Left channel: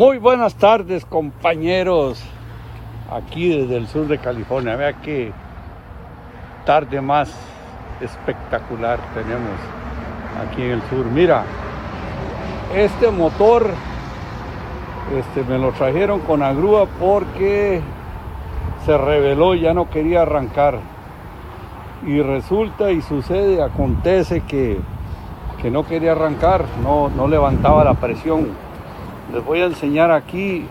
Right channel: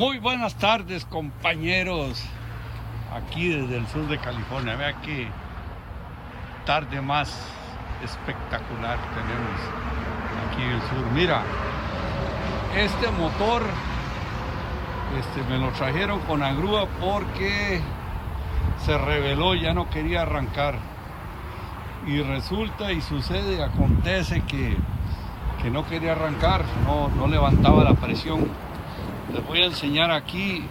Muy buenas tardes, compañeros, aquí desde el sur de California. Vea qué tarde más espectacular tenemos aquí en el sur. Mira, este motor me lo trajeron con la grúa porque se rebeló y ya no quería arrancar. Y resulta y sucede, acontece que no quería arrancar, no levantaba la presión. Les voy a enseñar aquí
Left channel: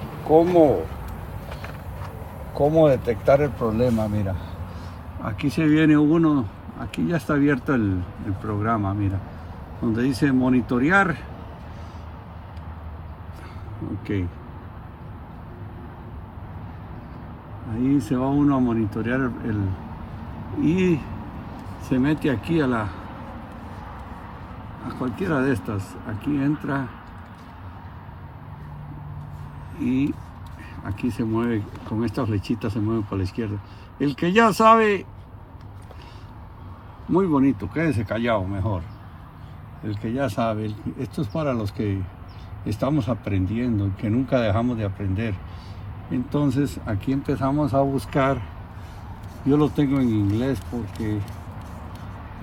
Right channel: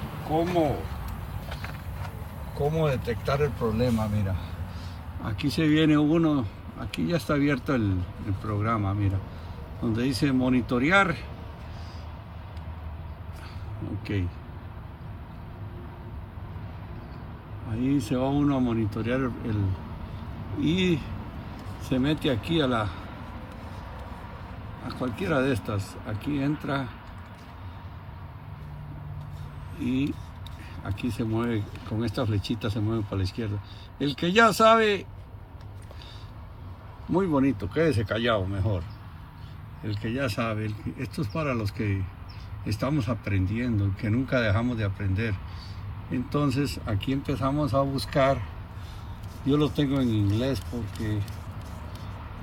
cómo detectar el problema. Mira, aquí se viene uno, aquí ya está abierto el programa, mira, donde dice monitorear. Ok, ahí se va uno a monitorear y se mete aquí a cualquiera de estas. Aquí entra y aquí se mueve, con estas flechitas se mueve para la izquierda. El que ya sabe, muy bonito, quédese callado mejor. El que ya sabe, esto es para los que estamos aprendiendo, que nunca dejamos de aprender. Entonces aquí empezamos a buscar. Yo lo tengo en inglés porque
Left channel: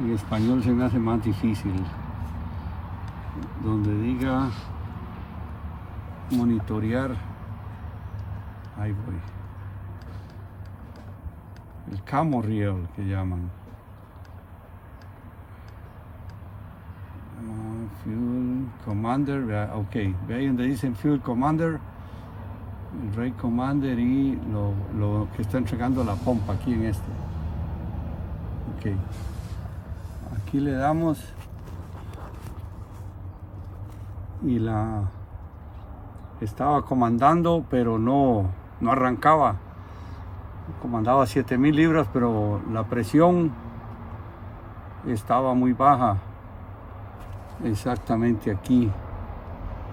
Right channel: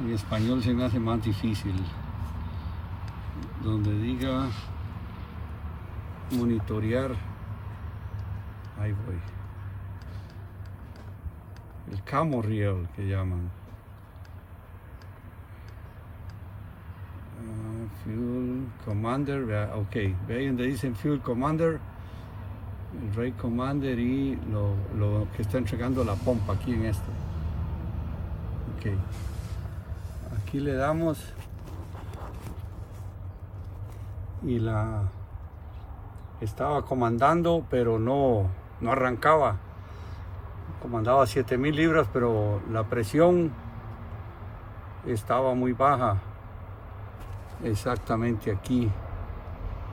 en español se me hace más difícil. Donde diga monitorear, ahí voy. El camo reel que llaman. Fuel Commander, ok, ve ahí donde dicen Fuel Commander, el Rate Commander y lo que está entregando la pompa aquí en este. Ok, aquí le damos y la estaba comandando, pero no arrancaba. Comandaba 7000 libras, pero la presión estaba muy baja. Exactamente aquí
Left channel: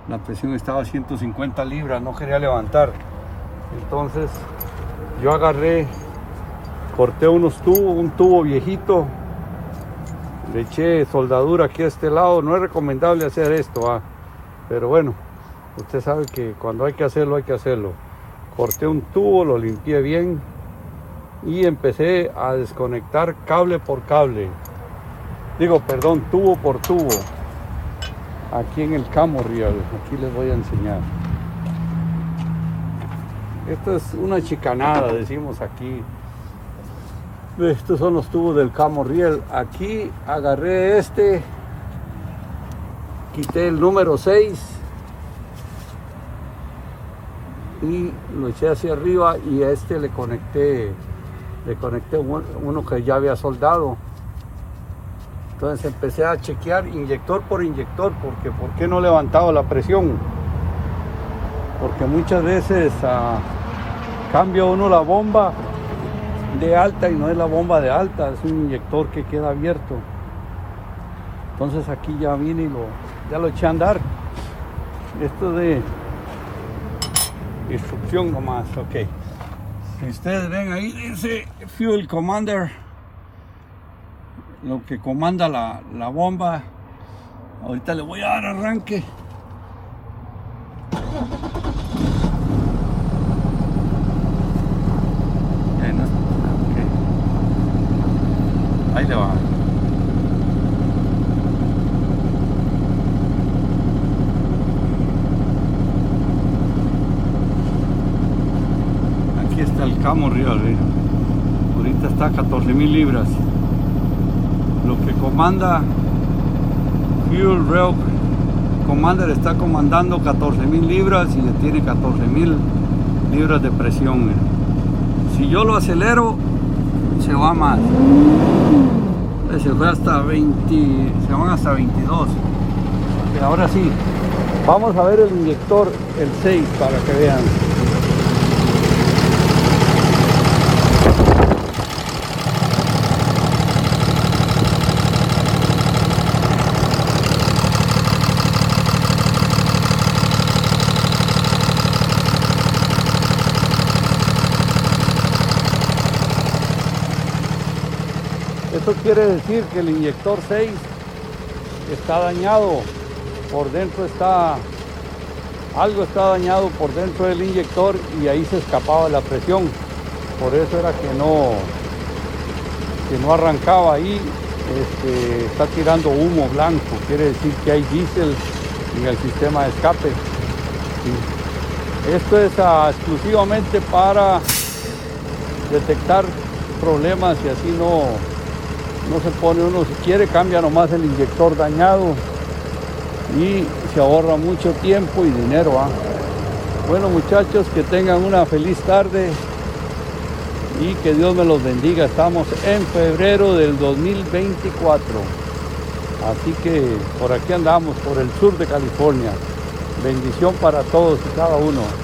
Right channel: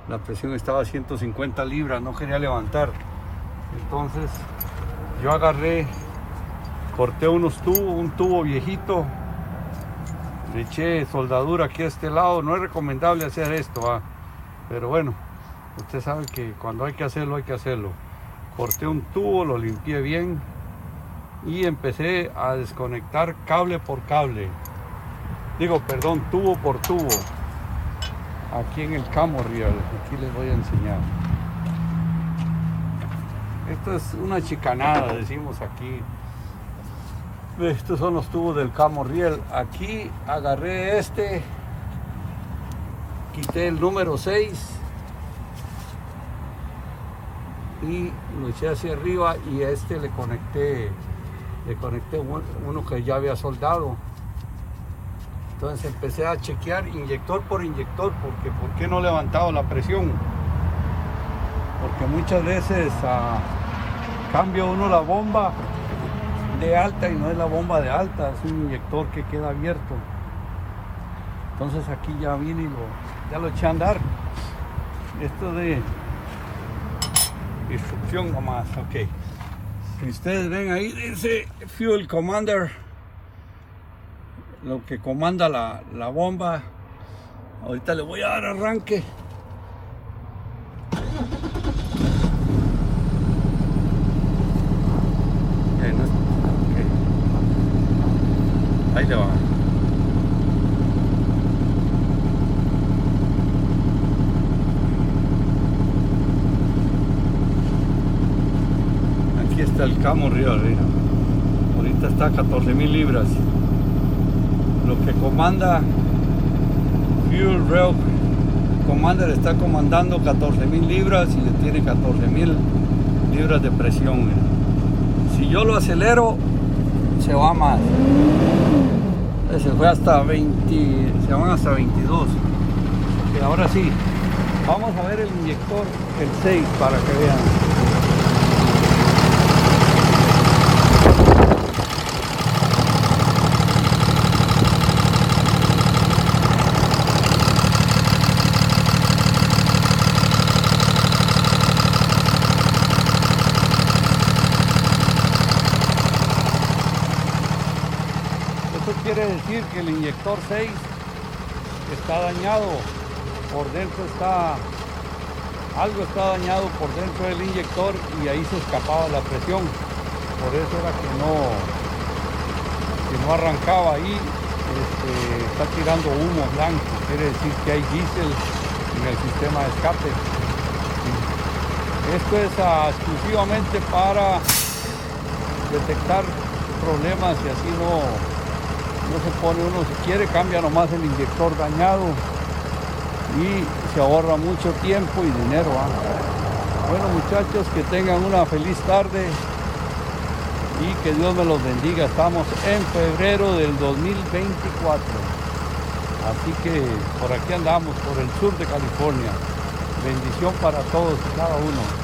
la presión estaba a 150 libras, no quería levantar. Entonces yo agarré, corté unos tubos, un tubo viejito, le eché soldadura aquí a este lado. No es recomendable hacer esto, pero bueno, usted sabe que cuando hay que hacerlo, hay que hacerlo. Corté un tubo, lo limpié bien y empecé a desconectar cable por cable. Tubo por tubo. Aquí en el camo reel, aquí les voy a enseñar. Esto es una chicanada, decimos aquí. Estos son los tubos del camo reel. Aquí agarré quité el número 6 y lo eché hacia arriba, y a le conecté uno que ya había soldado. Entonces empecé a chequear inyector por inyector, porque ¿por qué no levantaba la presión? Porque muchas veces cambia uno la bomba de alta y no es la bomba de alta, es un inyector que queda abierto. Entonces aquí ya vine y ya lo eché a andar. Esto de instrucción nomás, ok. Si ustedes ven ahí dice Fuel Commander, lo que comanda la bomba. Ahorita le voy a dar arranque. Ahí le va. Aquí está el camo reel. Ahorita está a 14,000 libras. Lo que comanda Fuel Rail Commander está comandando 14,000 libras y le tiene 14,000 libras de presión. Si yo lo acelero, se va más. Se fue hasta 20, se van hasta 22. Y ahora sí, vamos a ver el inyector, el 6, para que vean. Esto quiere decir que el inyector 6 está dañado, por dentro está algo está dañado por dentro del inyector y ahí se escapaba la presión. Por eso era que no arrancaba ahí. Está tirando humo blanco, quiere decir que hay diésel en el sistema de escape. Esto es exclusivamente para detectar problemas y así no se pone uno, si quiere cambia nomás el inyector dañado y se ahorra mucho tiempo y dinero. Bueno, muchachos, que tengan una feliz tarde y que Dios me los bendiga. Estamos en febrero del 2024, así que por aquí andamos, por el sur de California. Bendición para todos y cada uno.